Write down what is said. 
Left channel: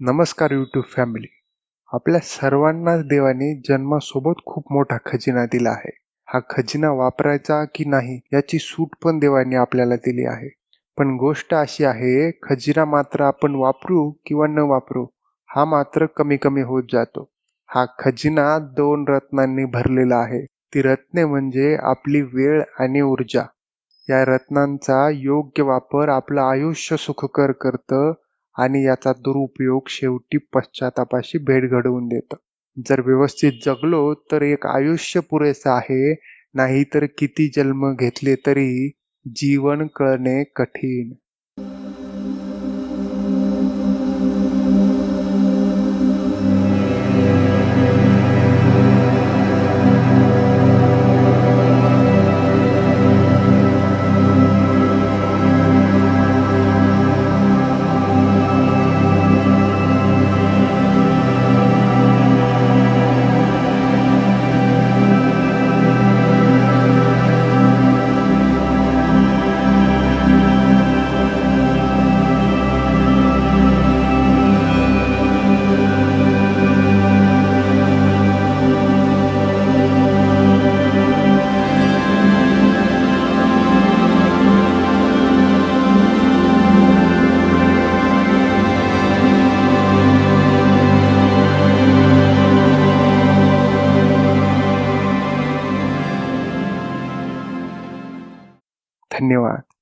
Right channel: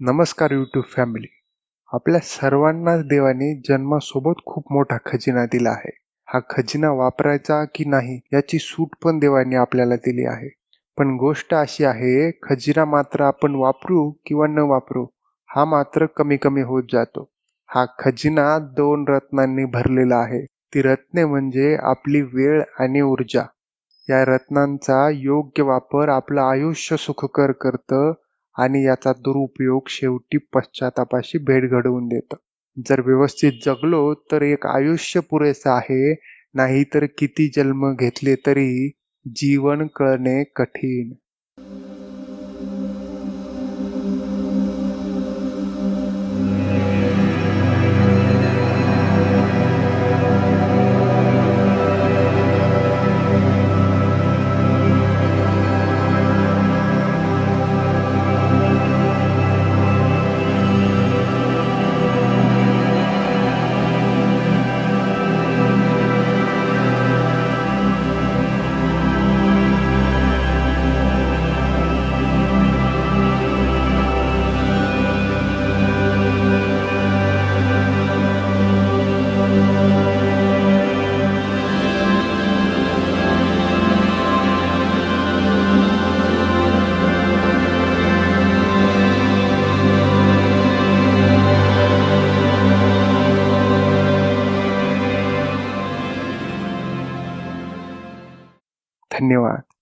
नमस्कार YouTube family. आपल्या सर्वांनाच देवाने जन्मासोबत खूप मोठा खजिना दिला आहे. हा खजिना वापरायचा की नाही याची सूट पण देवाने आपल्याला दिली आहे. पण गोष्ट अशी आहे, खजिना मात्र आपण वापरू किंवा न वापरू हा मात्र कमी कमी होत जातो. हा खजिना 2 रत्नांनी भरलेला आहे. ती रत्ने म्हणजे आपली वेळ आणि ऊर्जा. या रत्नांचा योग्य वापर आपलं आयुष्य सुखकर करतं आणि याचा दुरुपयोग शेवटी पश्चातापाशी भेट घडवून देतं. जर व्यवस्थित जगलो तर एक आयुष्य पुरेसं आहे, नाहीतर किती जन्म घेतले तरी जीवन कळणे कठीण. धन्यवाद.